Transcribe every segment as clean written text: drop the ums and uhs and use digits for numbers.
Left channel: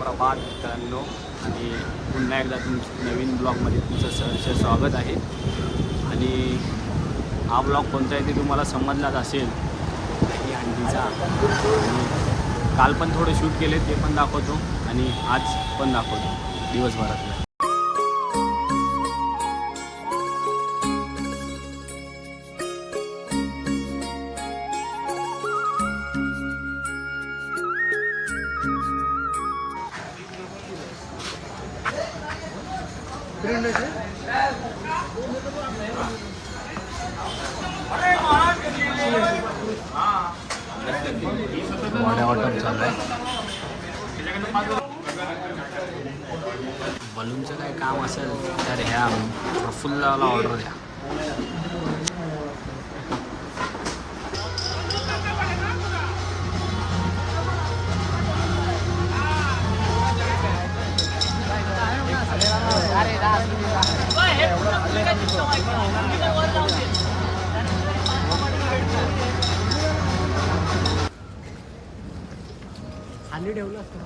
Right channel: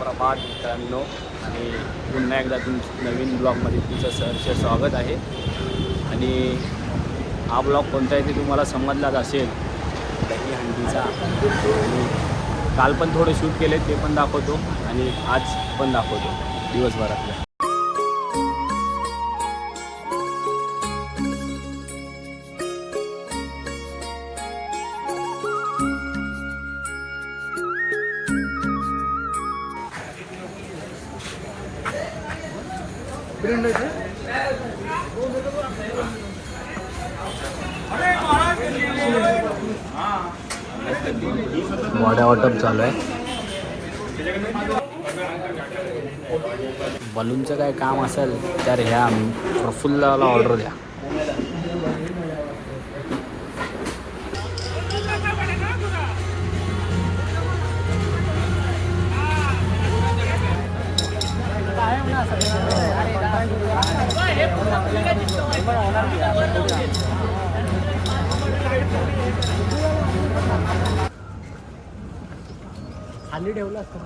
सुप्रभात मित्रांनो आणि पुन्हा एकदा तुमचं नवीन ब्लॉगमध्ये तुमचं सहर्ष स्वागत आहे। आणि हा ब्लॉग कोणता आहे ते तुम्हाला समजलाच असेल, दही हंडीचा। आणि काल पण थोडे शूट केले ते पण दाखवतो आणि आज पण दाखवतो दिवसभरातलं। वाड्या वाटप चालू आहे। बलूनचं काय काम असेल तर ह्या प्रफुल्लाला ऑर्डर द्या। खाली ठेवलं असतं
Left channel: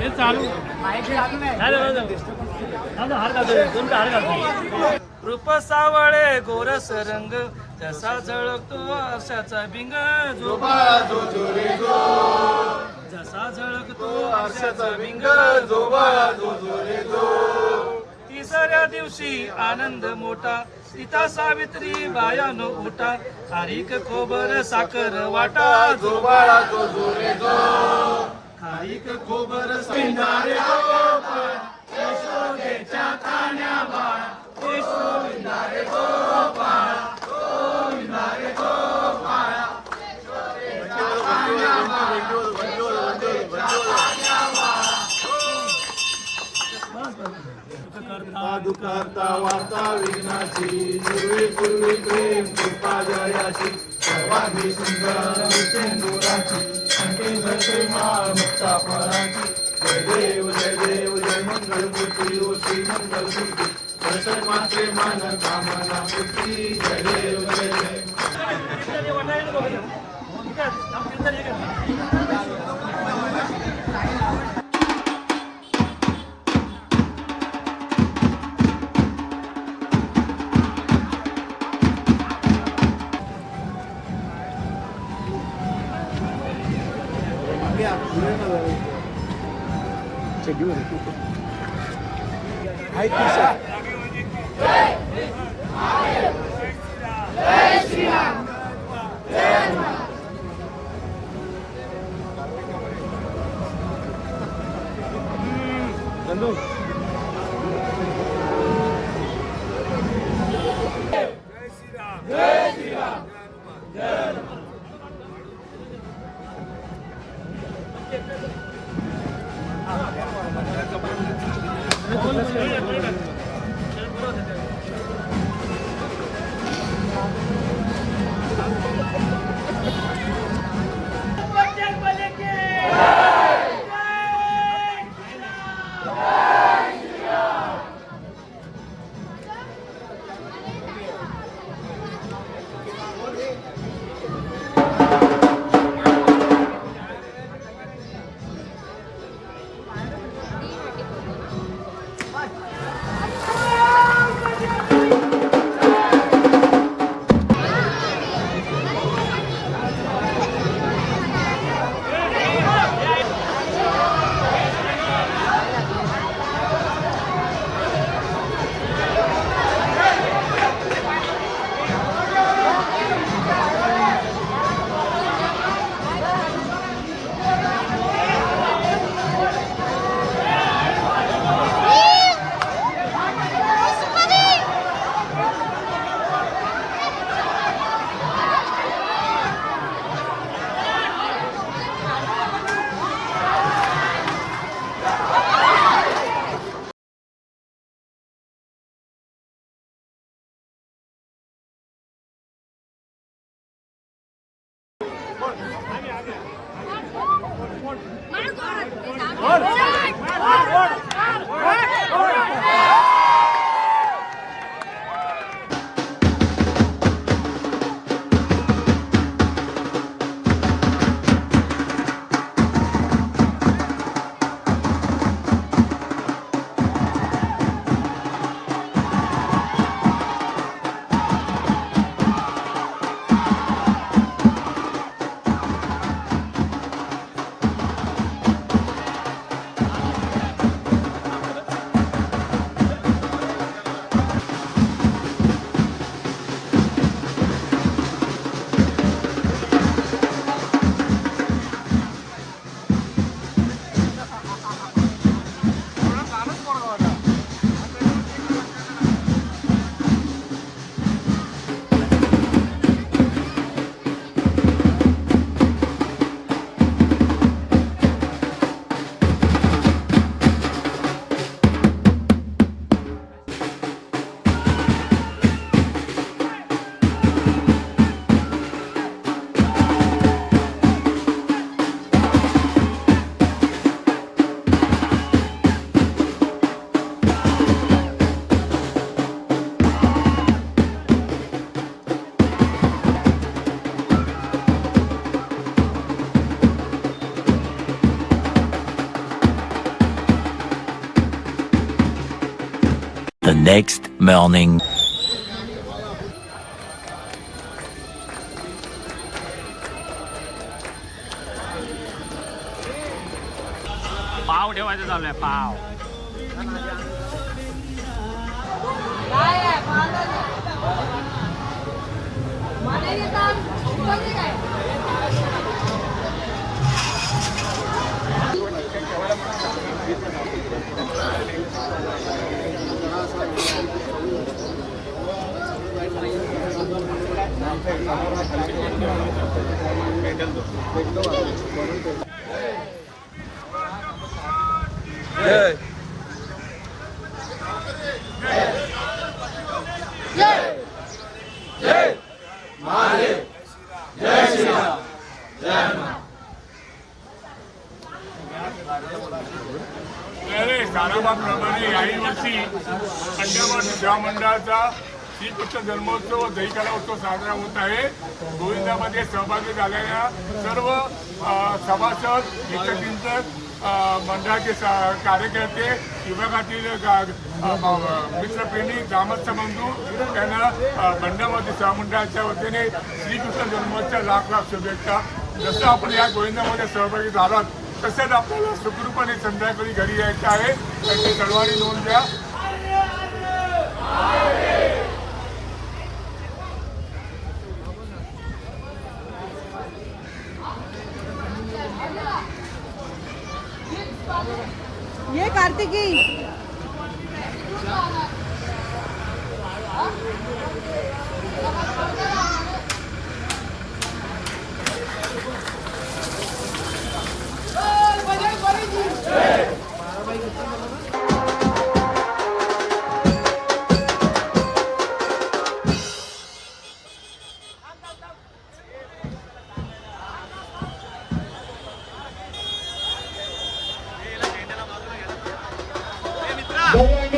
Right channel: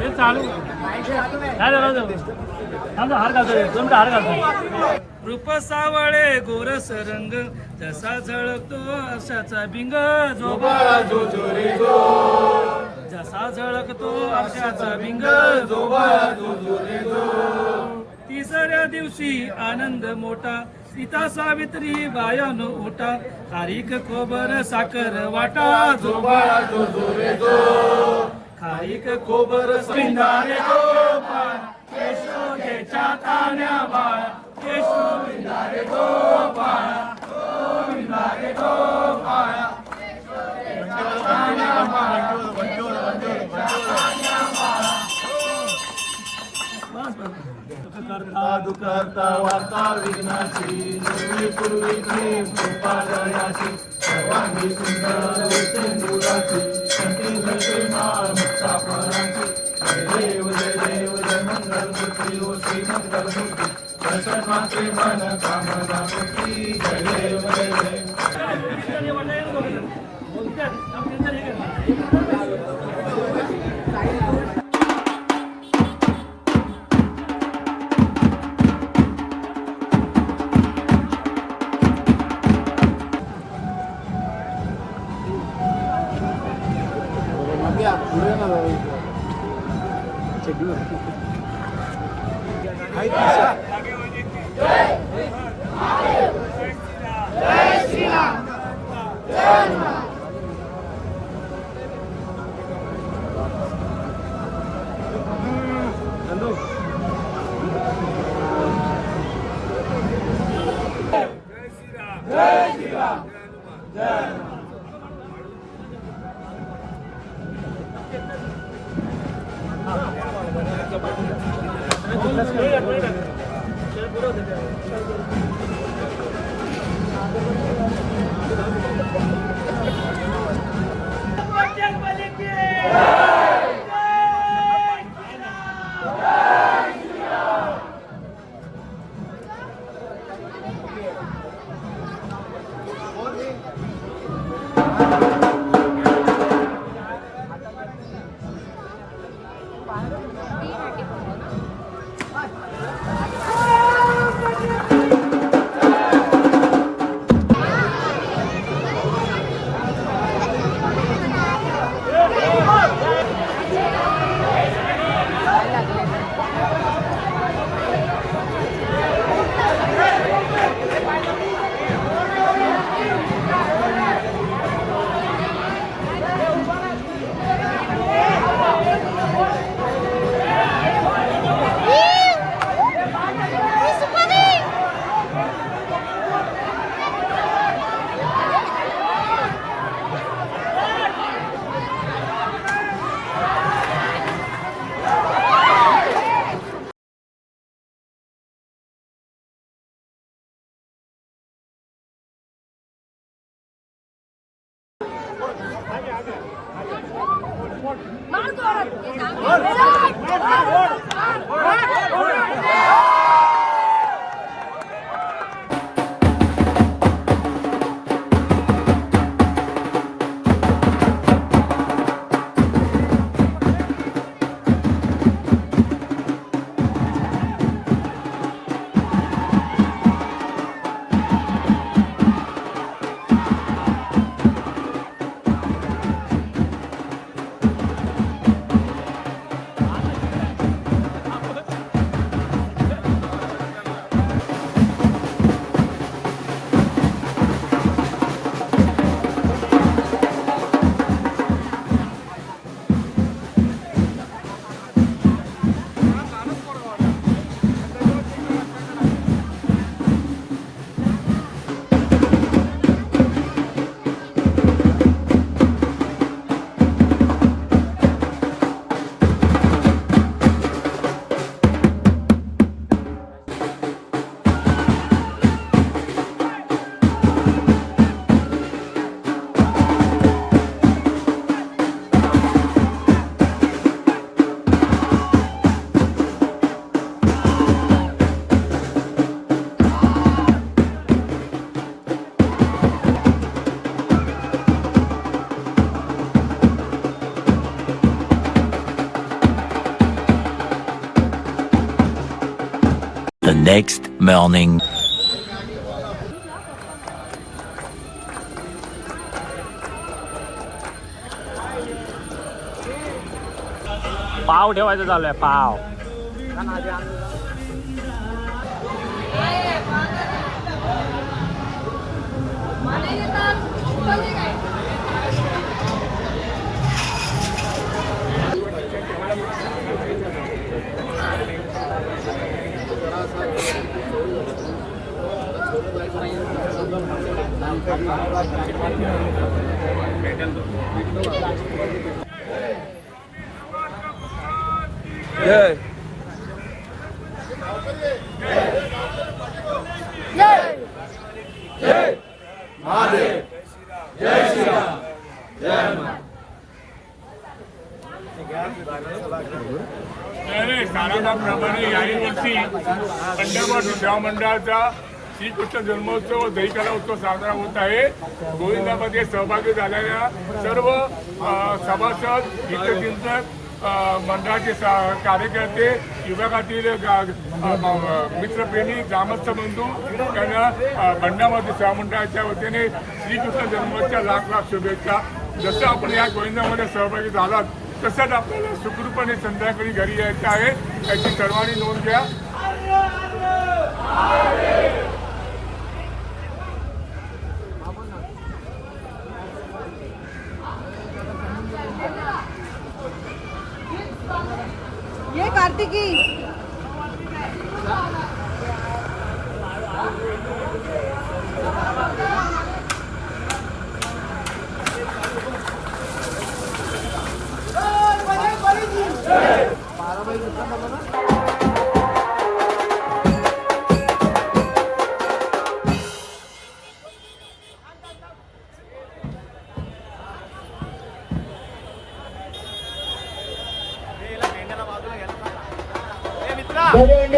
माझी चालू रूप सावळे गोरस रंग जसा झळकतो आरशाचा भिंग जो बाळा जो जोरे जो जसा झळकतो आरशाचा भिंग जो बाळा जो जोरे जो तिसऱ्या दिवशी आनंद मोठा सीता सावित्री बायान उठा खारीक खोबर साखर वाटा जो बाळा जो जोरे जो खारीक खोबर सिंगारे गोपाळ यशोदेच्या तान्या बाळा यशोविंदारे गोपाळ गोविंदारे गोपाळ दुखहर्ता वार्ता विघ्नाची पूर्वी पूर्वी प्रेम कृपा जयाची सर्वांगी सुंदर सिंदुराची संती घडते मुक्ता फळाची जय देव जय मंगल मूर्ती ओ श्री मंगल मूर्ती दर्शन मात्रे मन कामना पूर्ती जय देव जय The next morning. पाव ठेवायचं चालू आहे पाव. साराभाप्रमाणे याही वर्षी खंडोबा सेवा मंडळाचा श्रीकृष्ण जन्मोत्सव व दहीकला उत्सव साजरा होत आहे. गोविंदामध्ये सहभागी झालेल्या सर्व सभासद, हितचिंतक, मंडळाचे कार्यकर्ते, विभागातील मित्रप्रेमी, ग्रामस्थ बंधू यांना बंडामध्ये सेवा मंडळाच्या वतीने श्रीकृष्ण जन्मोत्सवाच्या लाख लाख शुभेच्छा. जसं आपण या गोविंदामध्ये सहभागी झालात तसंच आपल्याला सुखरूपणे संध्याकाळी घरी यायचं आहे याची सर्वांनी नोंद घ्या. ये कार्तिकी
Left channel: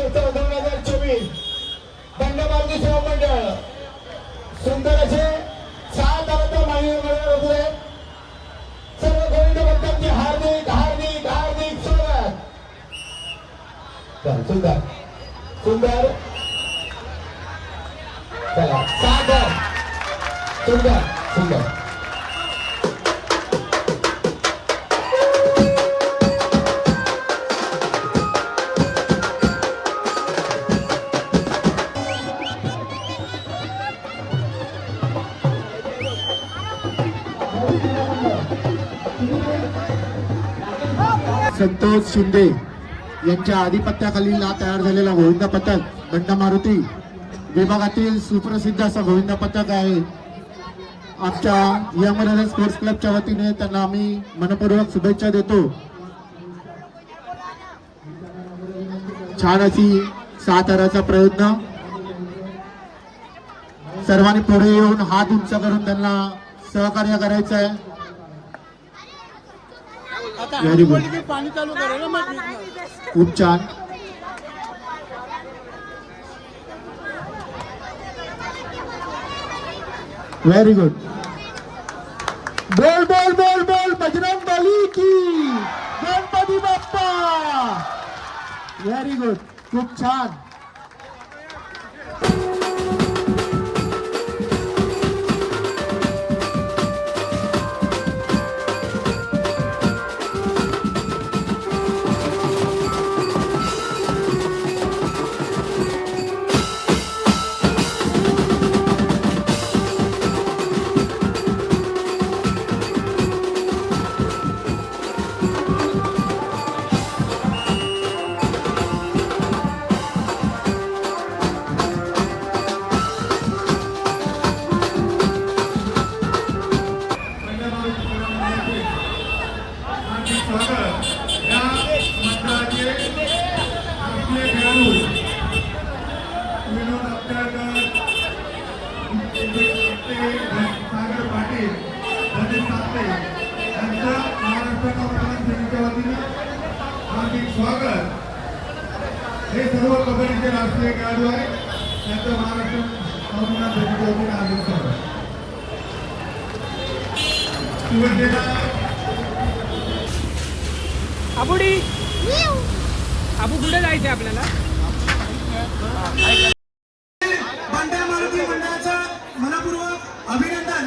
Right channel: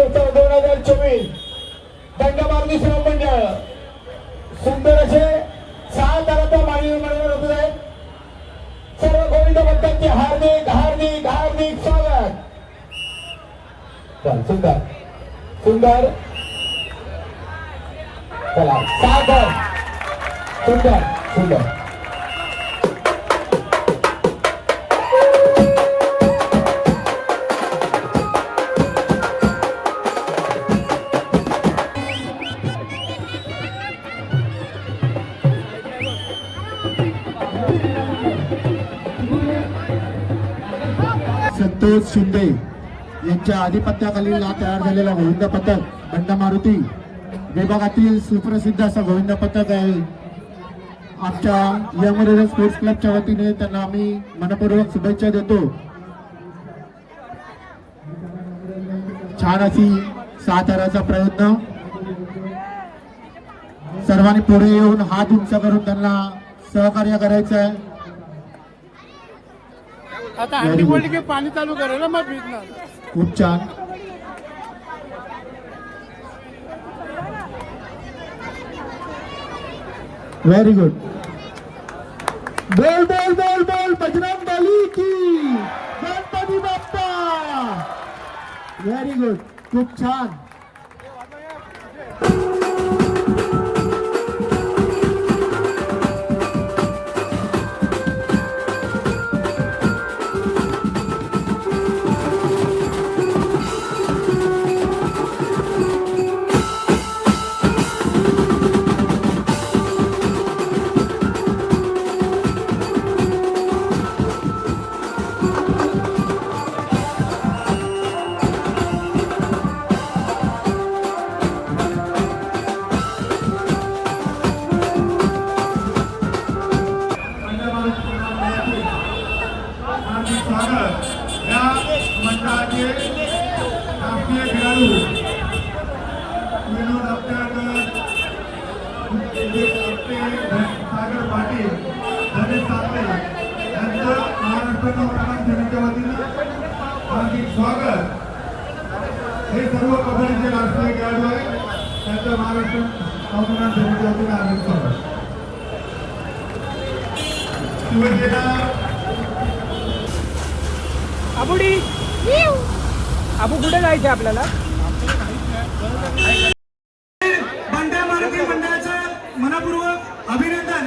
उत्सव 2024 बंडामारुती सेवा मंडळ सुंदर असे 6 तरांचा माननीय मंडळ होते. सर्व गोविंद भक्तांचे हार्दिक हार्दिक हार्दिक स्वागत. सुंदर सुंदर चला सागर सुंदर सुंदर. संतोष शिंदे यांच्या आधिपत्याखाली तयार झालेला गोविंदा पथक बंडामारुती विभागातील सुप्रसिद्ध असा गोविंदा पथक आहे. आमच्या यमराजा स्पोर्ट्स क्लबच्या वतीने त्यांना आम्ही मनपूर्वक शुभेच्छा देतो. छान अशी 6 ताराचा प्रयत्न सर्वांनी पुढे येऊन हात उंच करून त्यांना सहकार्य करायचं आहे. व्हेरी गुड, खूप छान. Very good. बोल बोल बोल बोल बजरंग बली की, गणपती बाप्पा. व्हेरी गुड, खूप छान. स्वागत. हे सर्व कबड्डीचे राष्ट्रीय खेळाडू आहे, त्यांचं महाराष्ट्र नौदल समितीच्या वतीने हार्दिक स्वागत. आबुडी आबू कुठे जायचं आपल्याला? भांड्या मारुती मंडळाचं मनपूर्वक अभिनंदन.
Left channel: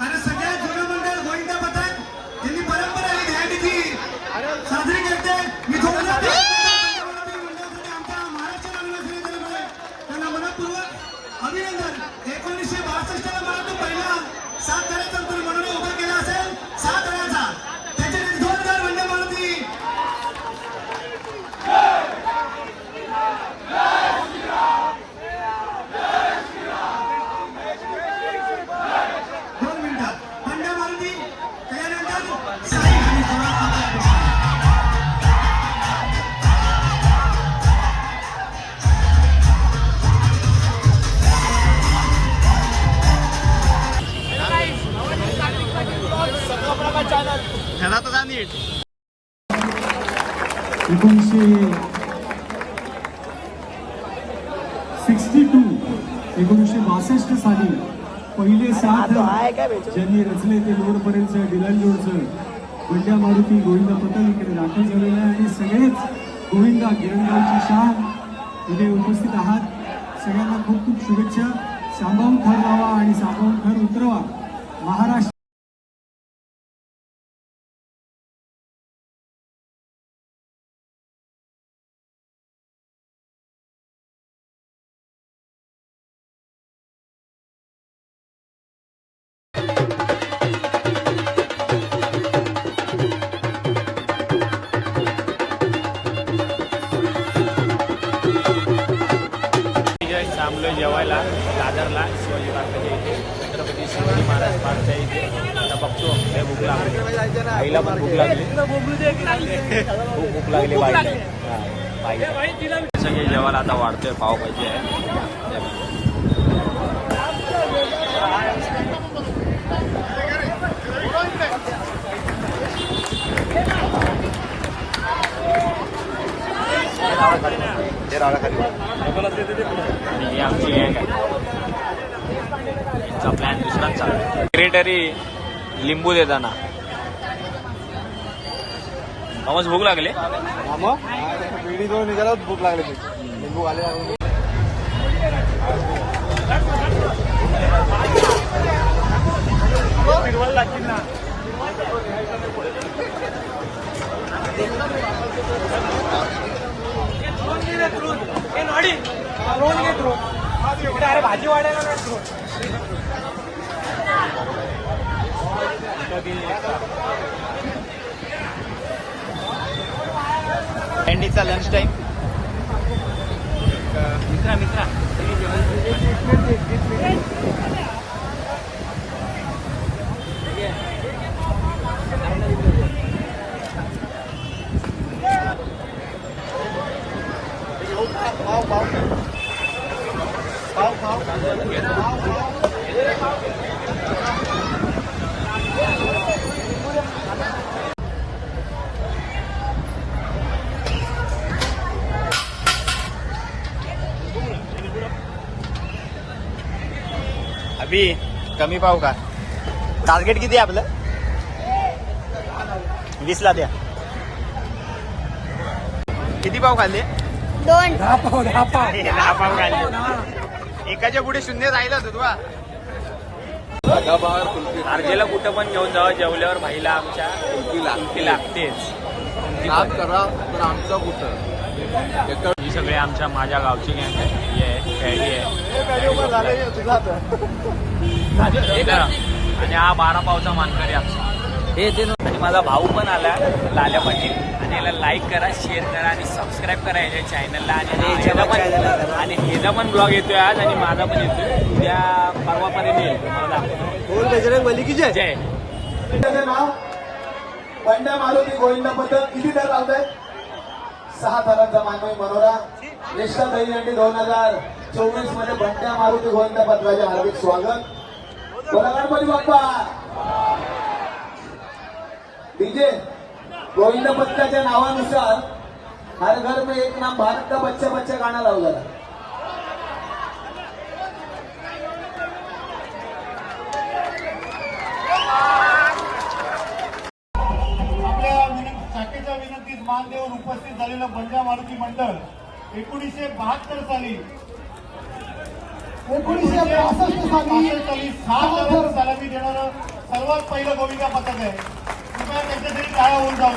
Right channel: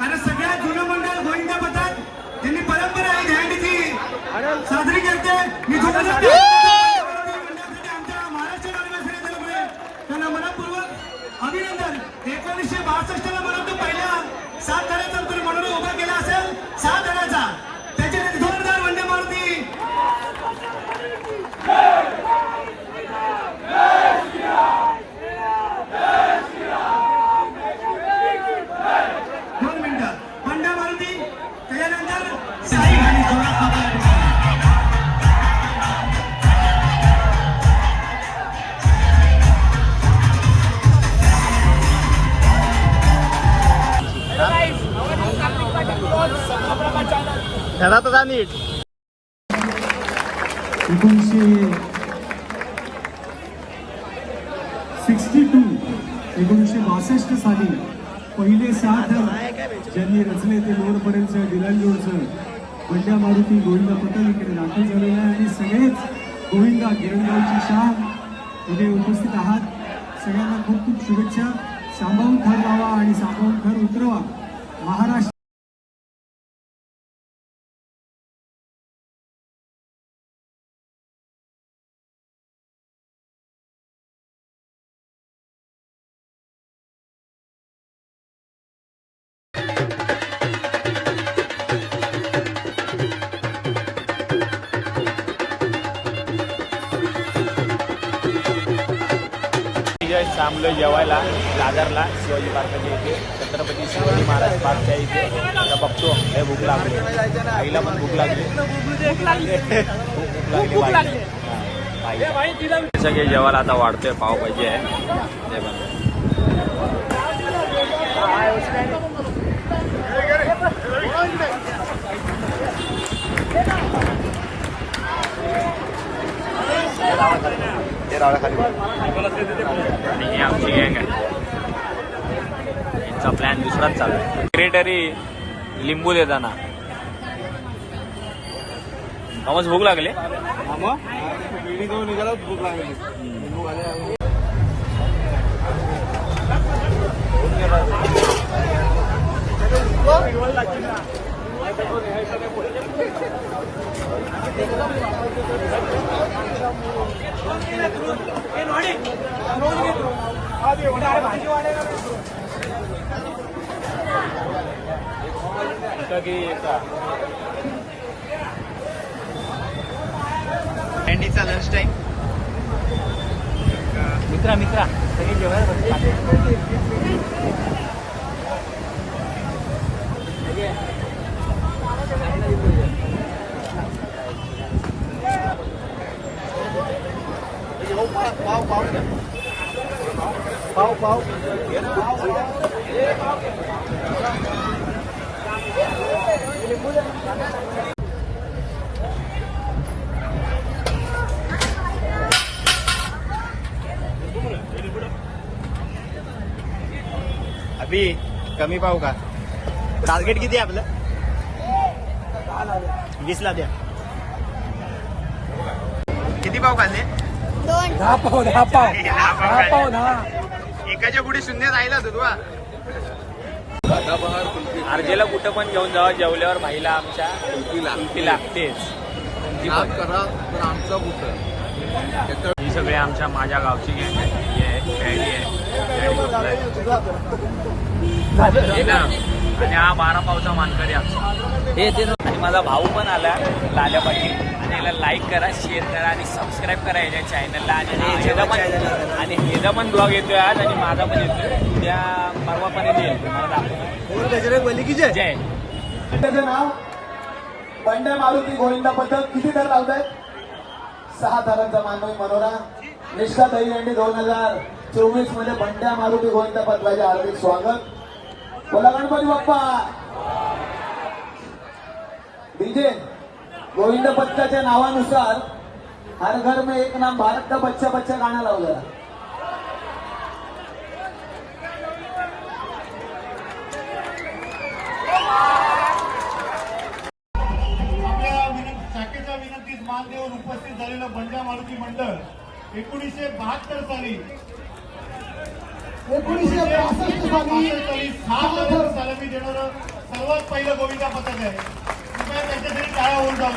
कारण सगळ्यात जुनं मंडळ गोविंदा पथक यांनी परंपरा ही घ्यायची साजरी करते. मी आमच्या महाराष्ट्र त्यांना मनपूर्वक अभिनंदन. 1962 ला मला तो पहिला 7 धड्याचा तरी मनोबल उभा केला असेल, 7 धड्याचा. त्याच्यानंतर 2000 वंदे मारुती. घरात जा नीट. 1962 साली पहिले 7 ज्यांनी रचले ते लोअरपर्यंतचं डिलांजोरचं बंड्या मारुती गोविंदा पथक इकडे दाखल झालेलं आहे. आणि सगळेच गोविंदा गिरणगावची शान इथे उपस्थित आहात. सगळ्यांना खूप खूप शुभेच्छा. सांभाळून थर लावा आणि सांभाळून थर उतरवा. महाराष्ट्र थांबलोय जेवायला दादरला शिवाजी पार्काच्या इथे, छत्रपती शिवाजी महाराज पार्कच्या इथे. आता बघतो लय भूक लागली, आईला पण भूक लागली, खूप भूक लागली. सगळे जेवायला आता वाढतोय, पावभाजी आहे. आणि ही आमची गँग आहे. इतका प्लॅन दुसराच चालू आहे. सेक्रेटरी लिंबू देताना आम्हाला भूक लागली. भूक लागली लिंबू आले. कॅन्डीचा लंच टाइम. मित्रा पाव अभि कमी पाहू का? टार्गेट किती आहे आपलं? 20 ला द्या. किती पाव खाल्ले? 10 पाव. एकाच्या पुढे शून्य राहिला तू अर्जेला कुठं पण घेऊन जावा, जेवल्यावर भाईला आमच्या कुल्फी लागतेच. कोणती पण करा पण आमचा कुठं. ही सगळे आमच्या माझ्या गावची गँग आहे. ही आहे खेळी आहे आणि हा 12 पावचा मानकरी आमचा हे आणि माझा भाऊ पण आला लाल्या पाटील. आणि याला लाईक करा, शेअर करा आणि सबस्क्राईब करा याच्या चॅनलला. आणि ह्याचा पण ब्लॉग येतोय आज आणि माझा पण येतोय उद्या परवापर्यंत येईल. तुम्हाला दाखवतो. जय. त्याचं नाव बंड्या मारुती गोविंदा पथक. किती दर लावताय? 6 दरांचा मानवी मनोरा निष्ठा दहीहंडी 2024 मध्ये बंड्या मारुती गोविंदा पथकाचे हार्दिक स्वागत. बोला गणपती बाप्पा. डीजे गोविंद पथकाच्या नावानुसार हर घर में एक नाम भारत का बच्चा बच्चा गाणं लावू जरा. शाखेच्या विनंतीस मान देऊन उपस्थित झालेलं बंड्या मारुती मंडळ 1972 साली 1965 सलामी देणारं सर्वात पहिलं गोविंदा पथक आहे. कृपया त्यांच्यासाठी टाळ्या होऊन जाऊ.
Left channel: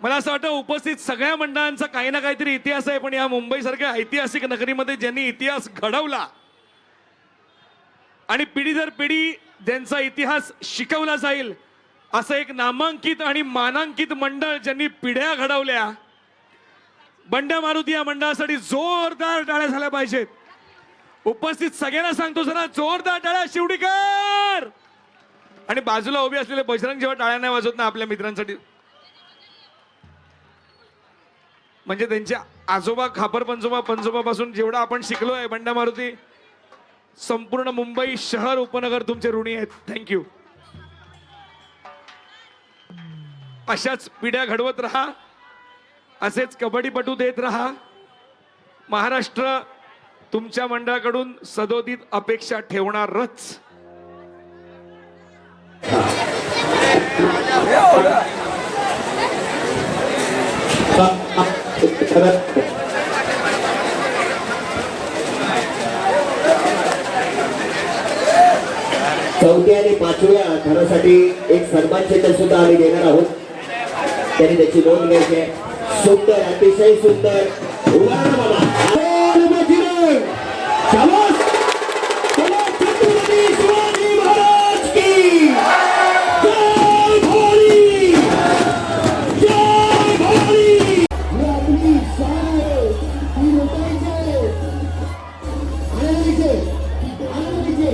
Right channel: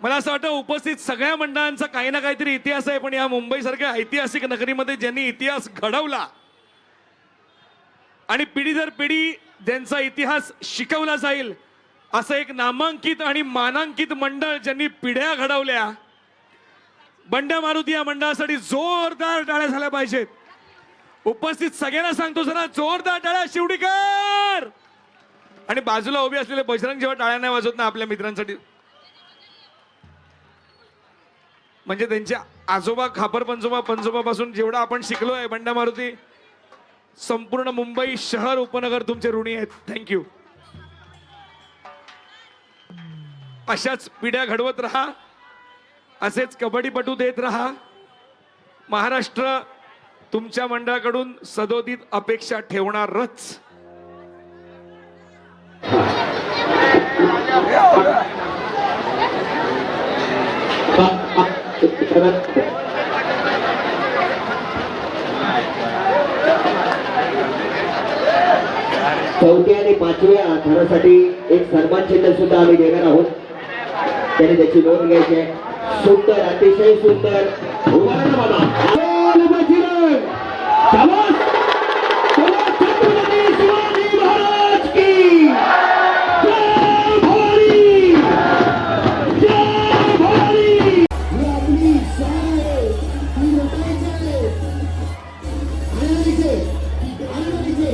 मला असं वाटतं उपस्थित सगळ्या मंडळांचा काही ना काहीतरी इतिहास आहे. पण या मुंबईसारख्या ऐतिहासिक नगरीमध्ये ज्यांनी इतिहास घडवला आणि पिढी दर पिढी ज्यांचा इतिहास शिकवला जाईल असं एक नामांकित आणि मानांकित मंडळ ज्यांनी पिढ्या घडवल्या, बंड्या मारुती या मंडळासाठी जोरदार टाळ्या झाल्या पाहिजेत. उपस्थित सगळ्यांना सांगतो जरा जोरदार टाळ्या शिवडीकर. आणि बाजूला उभे असलेले बजरंग जेव्हा टाळ्या नाही वाजवत ना आपल्या मित्रांसाठी, म्हणजे त्यांचे आजोबा खापर पंजोबा पंजोबापासून जेवढा आपण शिकलोय बंड्या मारुती, संपूर्ण मुंबई शहर उपनगर तुमचे ऋणी आहेत. थँक्यू. अशाच पिढ्या घडवत राहा, असेच कबड्डीपटू देत राहा. महाराष्ट्र तुमच्या मंडळाकडून सदोदित अपेक्षा ठेवणारच. चौथ्या आणि 5व्या थरासाठी एक सन्मान चिन्ह सुद्धा आम्ही देणार आहोत. त्यांनी त्याची नोंद घ्यायची आहे. सुंदर, अतिशय सुंदर. उभा राहा बाबा. छत्रपती शिवाजी महाराज की जय. भवानी जय. भवानी आपली शान ती लोकांची आनंदीचे आनंदीचे.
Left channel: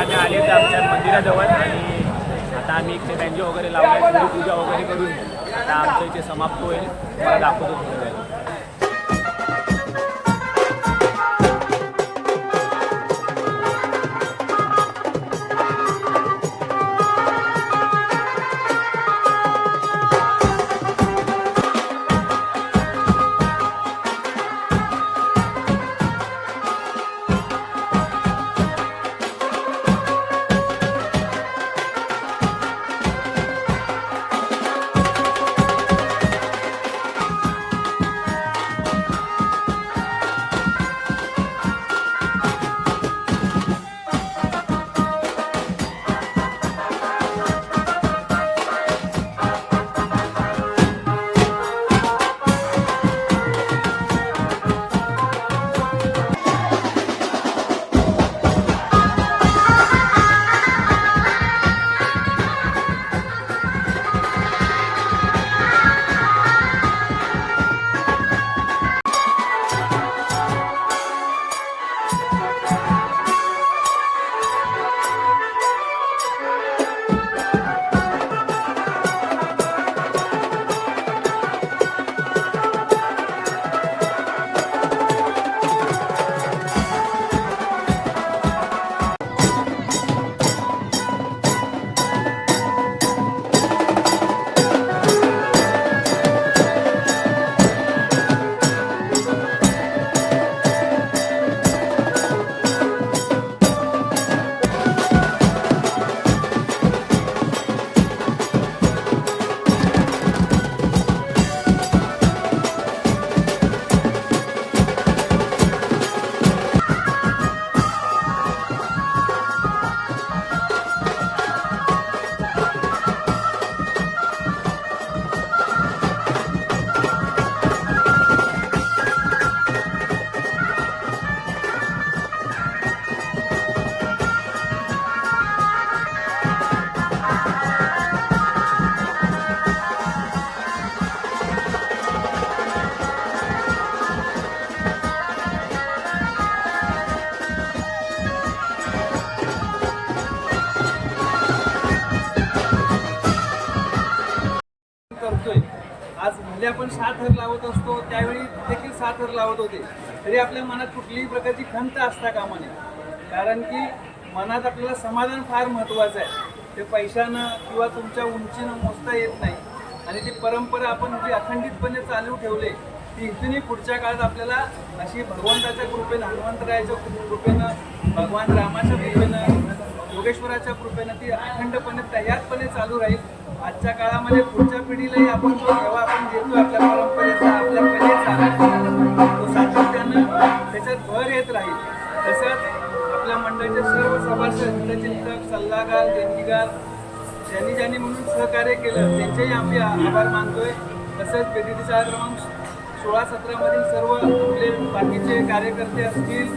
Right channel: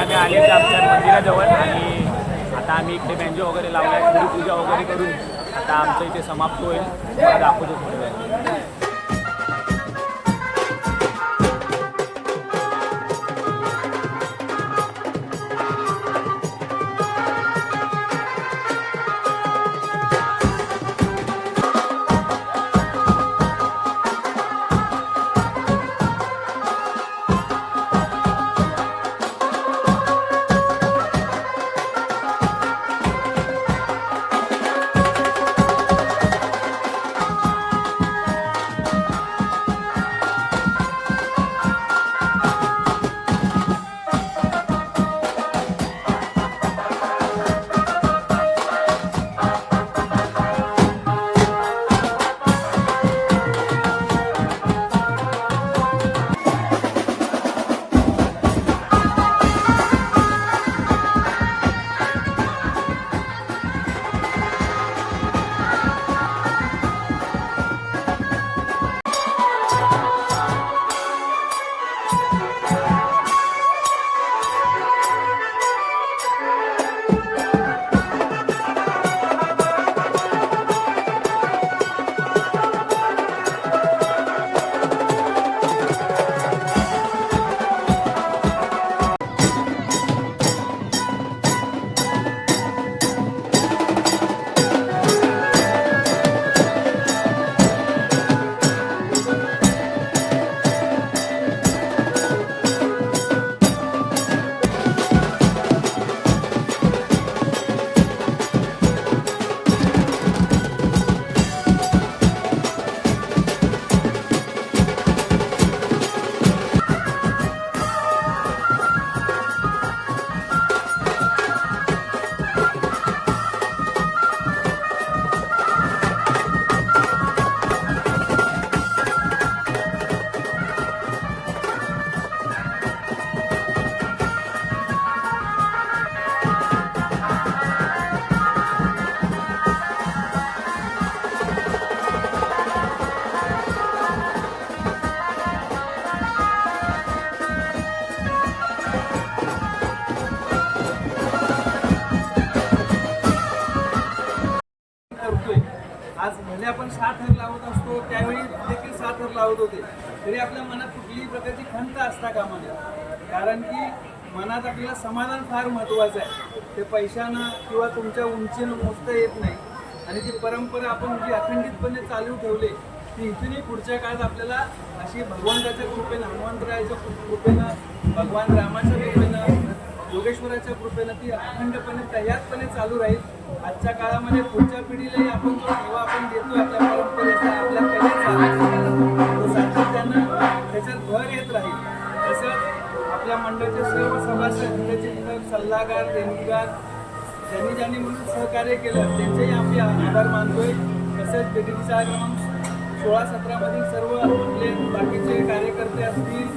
आम्ही आले तर आमच्या मंदिराजवळ आणि आता आम्ही इथे बँजो वगैरे लावलाय, थोडी पूजा वगैरे करून आता आमचं इथे समाप्त होईल. मला दाखवतो थोड्या वेळ. भले आपण 6 थर लावत असतो त्यावेळी देखील 6 थर लावत होते, तरी आपल्या मनात कुठलीही प्रकारची खंत असता कामा नये. कारण की मनात आपल्याला समाधान फार महत्त्वाचं आहे. ते पैशानं किंवा तुमच्या उंचीनं मोजता येत नाही. आणि ती परंपरा आपण जी अखंडितपणे चालू ठेवले ती इथूनही पुढच्या काळात आपल्याला अशी भगवंताच्या कृपेनं, हनुमंतरायाच्या कृपेनं, भगवान रामाच्या कृपेनं, योगेश्वराच्या कृपेनं ती अखंडपणे तयारपणे चालू राहील. आजच्या काळामध्ये पुढच्या पिढीलाही आपण जो जेव्हा आपण देतो आपल्या परंपरेचा, आपल्या कलेचा, तो सातत्यानं त्याच्यात भर येत राहील. तसंच आपल्या मंडळाचे सर्व सभासद, हितचिंतक, सल्लागार, देणगीगार ज्यांनी म्हणून सहकार्य केलं त्यांचेही आम्ही आभार मानतोय. तसंच BDTचा क्रमांक 16-17 मधील सर्व आपले बाकीचे कार्यकर्ते असतील,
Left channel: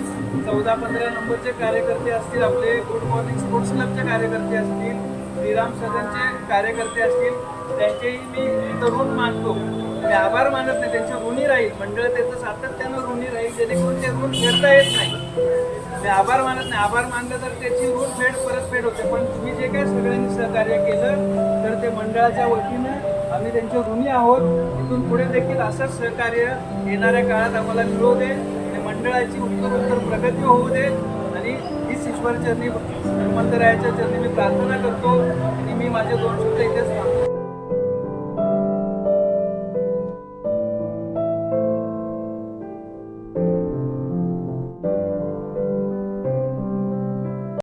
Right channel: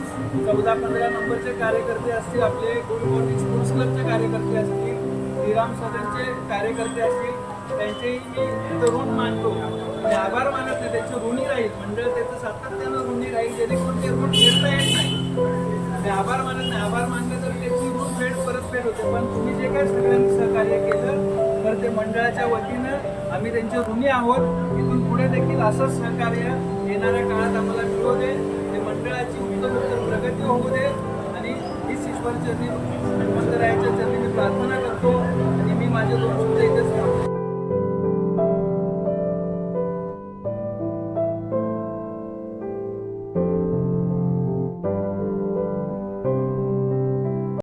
14-15 नंबरचे कार्यकर्ते असतील, आपले गुड मॉर्निंग स्पोर्ट्स क्लबचे कार्यकर्ते असतील, श्रीराम सदनचे कार्यकर्ते असतील, त्यांचेही मी इथं ऋण मानतो. आणि आभार मानत नाही, त्यांचे ऋणी राहील. मंडळ त्याचं सातत्यानं ऋणी राहील, जेणेकरून ते ऋण फेडता येत नाही. आभार मानत नाही, आभार मानलं तर त्याची ऋण परतफेड होते. पण तुम्ही जे काय सगळ्यांनी सहकार्य केलं तर ते मंडळाच्या वतीनं आम्ही त्यांचे ऋणी आहोत. इथून पुढे देखील असंच सहकार्य येणाऱ्या काळात आम्हाला मिळू दे. मंडळाची उत्तर प्रगती होऊ दे. आणि हीच ईश्वर चरणी, हनुमंतरायाच्या चरणी मी प्रार्थना करतो आणि मी माझे 2 शब्द इथेच थांबतो.